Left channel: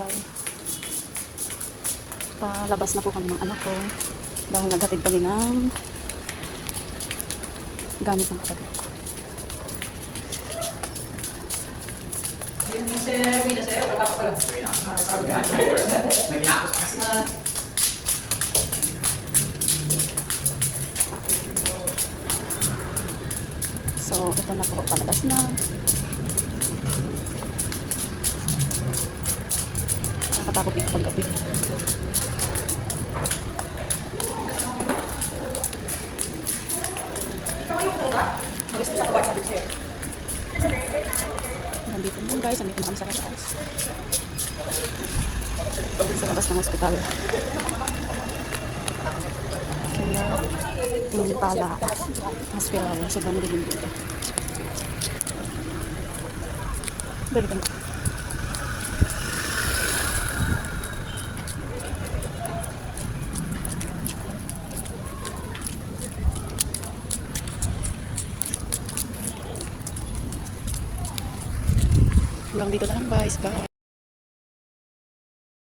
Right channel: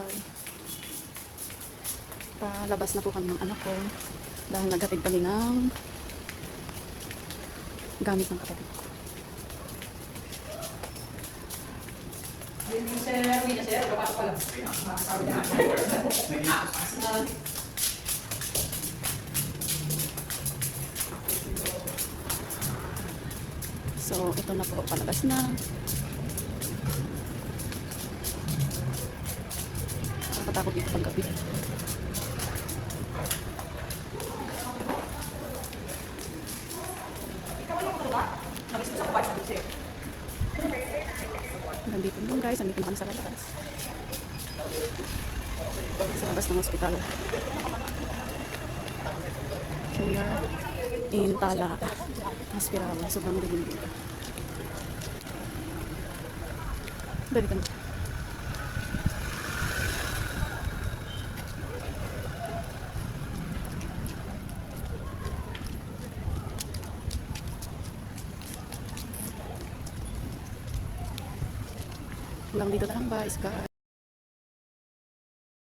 bahay. Palabas na po kami ng anak ko dahil naghatid kami ng gamit ng kapatid ko. So, ito na po, palabas na. Nakatakot dito pag-gabi. Nandito mo guys, nandito mo kami sa labas. Sa labas ng hospital. Yung tala, hospital, sobrang dilim dito. Balikan ko. Hanggang dito na lang guys, bye.